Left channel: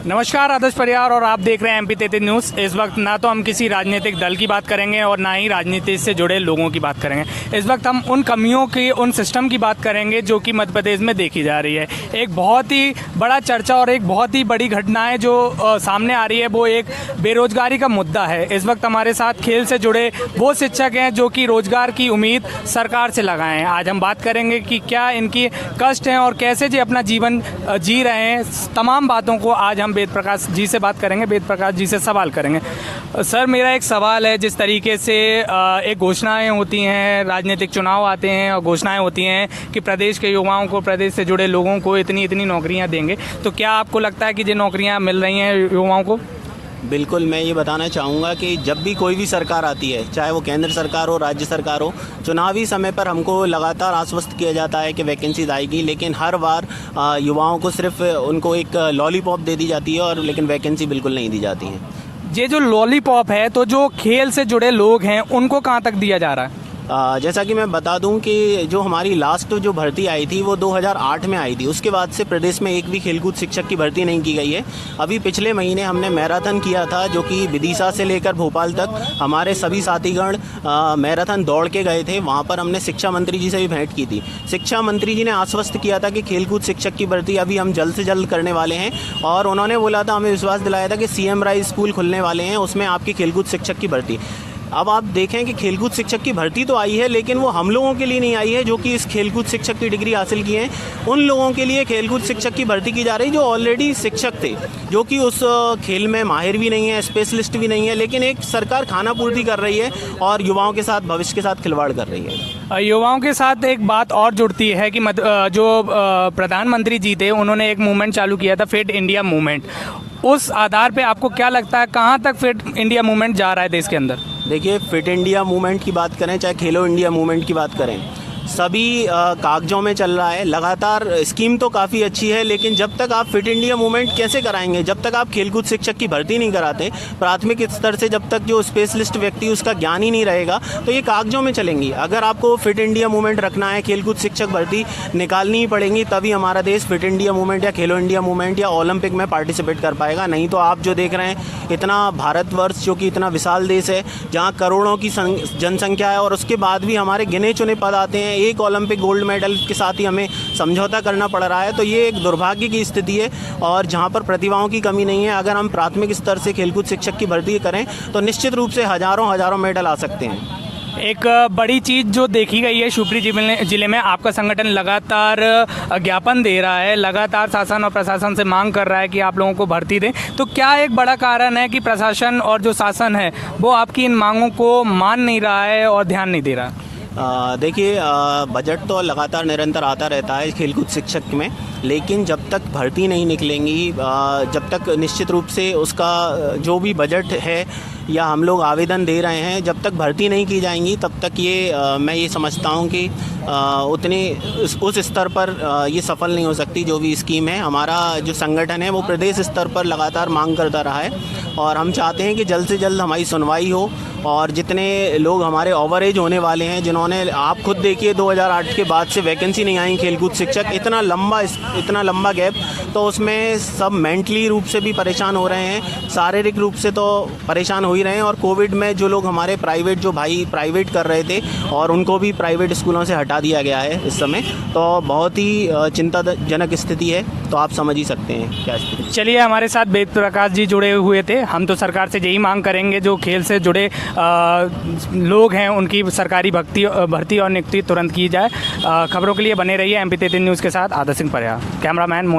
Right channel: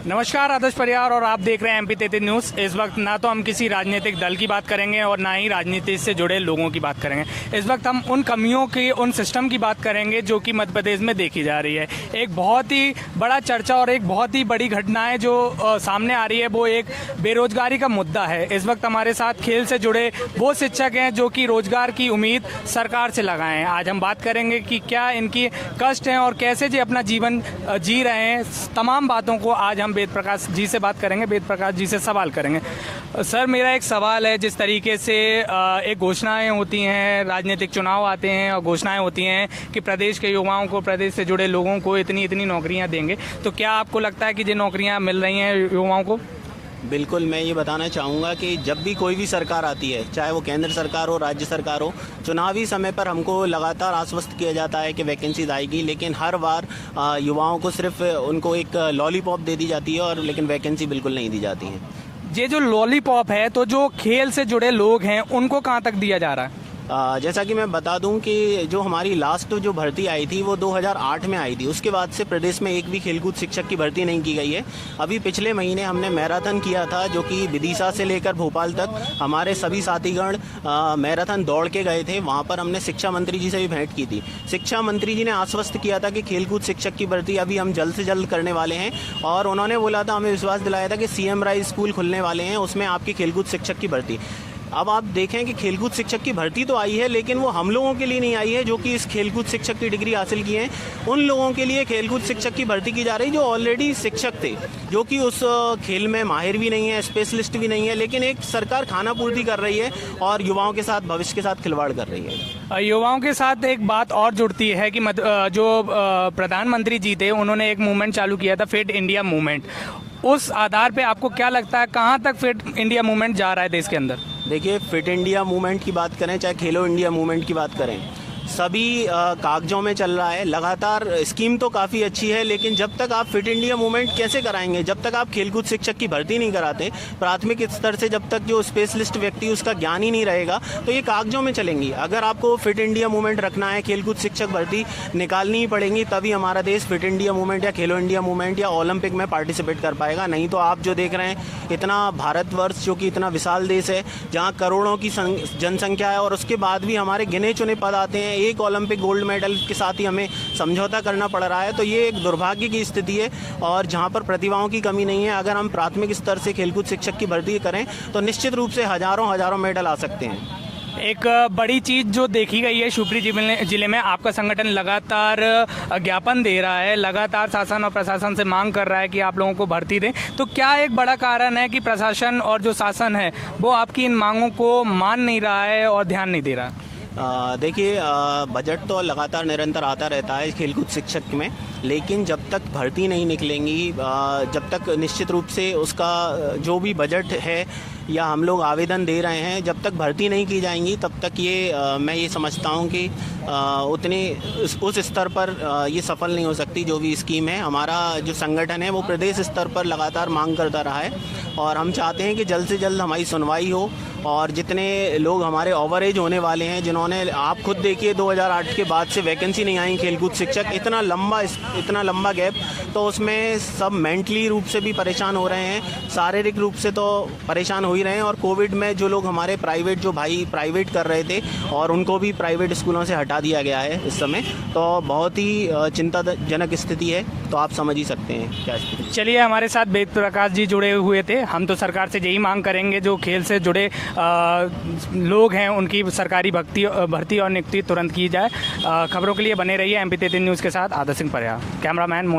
नमस्कार, आदर्श परियार और आप देख रहे हैं एमपी 33 न्यूज़। इस वक्त ना तो हम किसी राजनीतिक दल की बात करेंगे और ना ही राजनीति से जुड़े लोगों की बात करेंगे। इस वक्त हम उन कमियों की, उन सिस्टम की बात करेंगे जो कि मध्य प्रदेश में देखी जा रही है। एक बहुत ही बड़ा चर्चा और एक बहुत ही बड़ी घटना है जो सामने आ रही है, वो एक बेरोजगारी का मुद्दा है। इस वक्त हमारे साथ खेल से जुड़े वो शिक्षक हैं जो कि रोजगार की उम्मीद सरकार से लगाए हैं। आज हम बात करेंगे कि क्या इनकी कष्ट हैं और कैसे जी अपना जीवन जी रहे हैं। तमाम बातों को आज हम वेद प्रकाश जी से बात करेंगे, वेद प्रकाश जी से सवाल करेंगे। सर, मेरा एक सवाल है, जिस तरीके से एक घोषणाएं होती हैं, राजनीतिक चुनाव आते हैं और घोषणाएं होती हैं कि प्रदेश के युवाओं को, प्रदेश से जुड़े लोगों को इतनी इतनी नौकरियां देंगे, तो क्या आपको लगता है कि ये नौकरियां मिल रही हैं युवाओं को? बिल्कुल, मैं ये बताना चाहूँगा कि जब भी कोई भी सरकार आती है, चाहे वो केंद्र सरकार हो, राज्य सरकार हो, चुनावी समय पर हमको लगातार आश्वस्त किया जाता है कि वैकेंसीज आएगी, लेकिन हर बार युवाओं को सिर्फ उनको एक लॉलीपॉप दे दी जाती है और लेकिन वैकेंसी बिल्कुल नहीं दी जाती है। ये जो लॉलीपॉप है, तो जो खेल से जुड़े लोग हैं उनको कहाँ तक दिया जा रहा है? जैसा कि मैं बता दूं कि जो हमारी लास्ट जो भर्ती आई थी वो 2008 में आई थी। उसके बाद से प्रदेश में एक भी खेलकूद शिक्षक की भर्ती नहीं की गई है। अभी पिछले महीने हमने मैराथन किया था, जो कि विदिशा से लेकर भोपाल तक हमारे सभी साथीगण मैराथन दौड़ के गए थे। वहाँ पर हमने शिक्षा मंत्री जी से भी भेंट की थी। शिक्षा मंत्री जी ने आश्वस्त किया था कि खेलकूद शिक्षक की भर्ती अभी हम जल्द से जल्द करने वाले हैं, और उन्होंने बोला था, हमें विश्वास दिलाया था कि CM राय स्कूल खुलने वाले हैं, उसमें आपकी खेलकूद शिक्षक की भर्ती। अब आप देखें कि खेलकूद शिक्षक की भर्ती तो आई है, लेकिन वो हम लोगों के लिए नहीं आई है जो कि इस खेलकूद शिक्षक की डिग्री हासिल की है। उन लोगों के लिए खेलकूद शिक्षक की भर्ती की जा रही जो ऑलरेडी शिक्षक थे, जो कि उस खेल में माहिर भी नहीं है, स्पेशलिस्ट भी नहीं है, लेकिन एक सरकार खाना पूर्ति कर रही है और युवाओं के साथ, भविष्य के साथ खिलवाड़ कर रही है। युवाओं के साथ एक बात और जुड़ती है कि जो प्रधानमंत्री जी थे, उन्होंने एक मूवमेंट चालू किया था, फिट इंडिया मूवमेंट। उस आधार पे आपको क्या लगता है, कहाँ तक फिट इंडिया मूवमेंट जा रहा है देश के अंदर? देखिए, फिट इंडिया मूवमेंट की बात करें, चाहे खेलो इंडिया मूवमेंट की बात करें, सभी कागजों में चल रहा है। लगातार स्कीम तो काफ़ी अच्छी है, लेकिन जब तक आप फिट इंडिया मूवमेंट कैसे कराएंगे, जब तक आप खेलकूद शिक्षक की भर्ती नहीं कराते प्राथमिक स्तर से, जब तक जो स्पेशलिस्ट व्यक्ति उसका ज्ञान ही नहीं रहेगा, तो ये कागजों में चलेंगी। अगर आपको फिट इंडिया मूवमेंट रखना है, खेलकूद शिक्षक भर्ती निकालनी ही पड़ेंगी, तभी हमारा देश फिट इंडिया मूवमेंट या खेलो इंडिया मूवमेंट या ओलंपिक में पार्टिसिपेट कर पाएगा। नहीं तो आप जो देख रहे हैं, इतना भारतवर्ष जो कि इतना विशाल देश है, जहाँ करोड़ों की जनसंख्या है, और उसके बाद भी हमारे गिने चुने पद आते हैं, एक ओलंपिक गोल्ड मेडल के साथ ही हमें समझौता करना पड़ रहा है। तो ये एक दुर्भाग्य की स्थिति है, और जहाँ पर प्रतिभाओं की कमी नहीं है, अगर हम प्राथमिक स्तर से खेलकूद शिक्षक की भर्ती करें तो निश्चित रूप से हजारों मेडल आ सकते हैं। एक बड़ी चीज़ जो देखी गई है, शिवपुरी जिले में आपका संगठन लगातार ज्ञापन दे रहा है, लगातार शासन और प्रशासन से मांग कर रहा है कि आप लोगों को भर्ती दें। तो क्या एक बड़ा कारण है कि प्रशासन और जो शासन है वो आपकी इन मांगों को मान नहीं रहा है और ध्यान नहीं दे रहा? देखिए, बजट तो लगातार निरंतर आता रहता है खेलकूद शिक्षक में, लेकिन जब तक भर्ती नहीं निकलेंगी, जब तक निश्चित रूप से उसका जो भी बजट है या हम लोग आवेदन दे रहे हैं, जब तक भर्ती नहीं की जाएंगी, तब तक ये मैं ये समझता हूँ कि उतने उस स्तर पर ये सफल नहीं हो सकती जो भी स्कीम है। हमारा जो संगठन है वो प्रदेश स्तर पर लगातार मांग करता रहा है, और हम चाहते हैं कि जल्द से जल्द हमारी सुनवाई हो, और जितने लोग हमारे ओवर एज होने वाले हैं, जिन्होंने, आप खुद देखिए 2008 के बाद से वैकेंसी नहीं आई खेलकूद शिक्षक, इतना लंबा गैप, तो उसमें सब मेंटली रूप से भी परेशान हो रहे हैं, शारीरिक रूप से तो परेशान हो ही रहे हैं। और कोविड में जो लोग हमारे प्राइवेट, जो भाई प्राइवेट कर रहे थे, और उनको भी प्राइवेट स्कूलों से हटा दिया गया है इस समय, तो बहुत ही चिंताजनक स्थिति है। तो आप समझ ही सकते हैं क्या स्थिति। चलिए, हमारे साथ वेद प्रकाश जी जुड़े हुए थे। हम तो सरकार से यही मांग करेंगे, जो खेल से जुड़े लोग हैं उनकी सरकारी भर्ती और नियुक्ति तुरंत की जाए। खबरों के लिए बने रहिए एमपी 33 न्यूज़ के साथ। आदर्श सिंह परियार, कैमरामैन मोहित।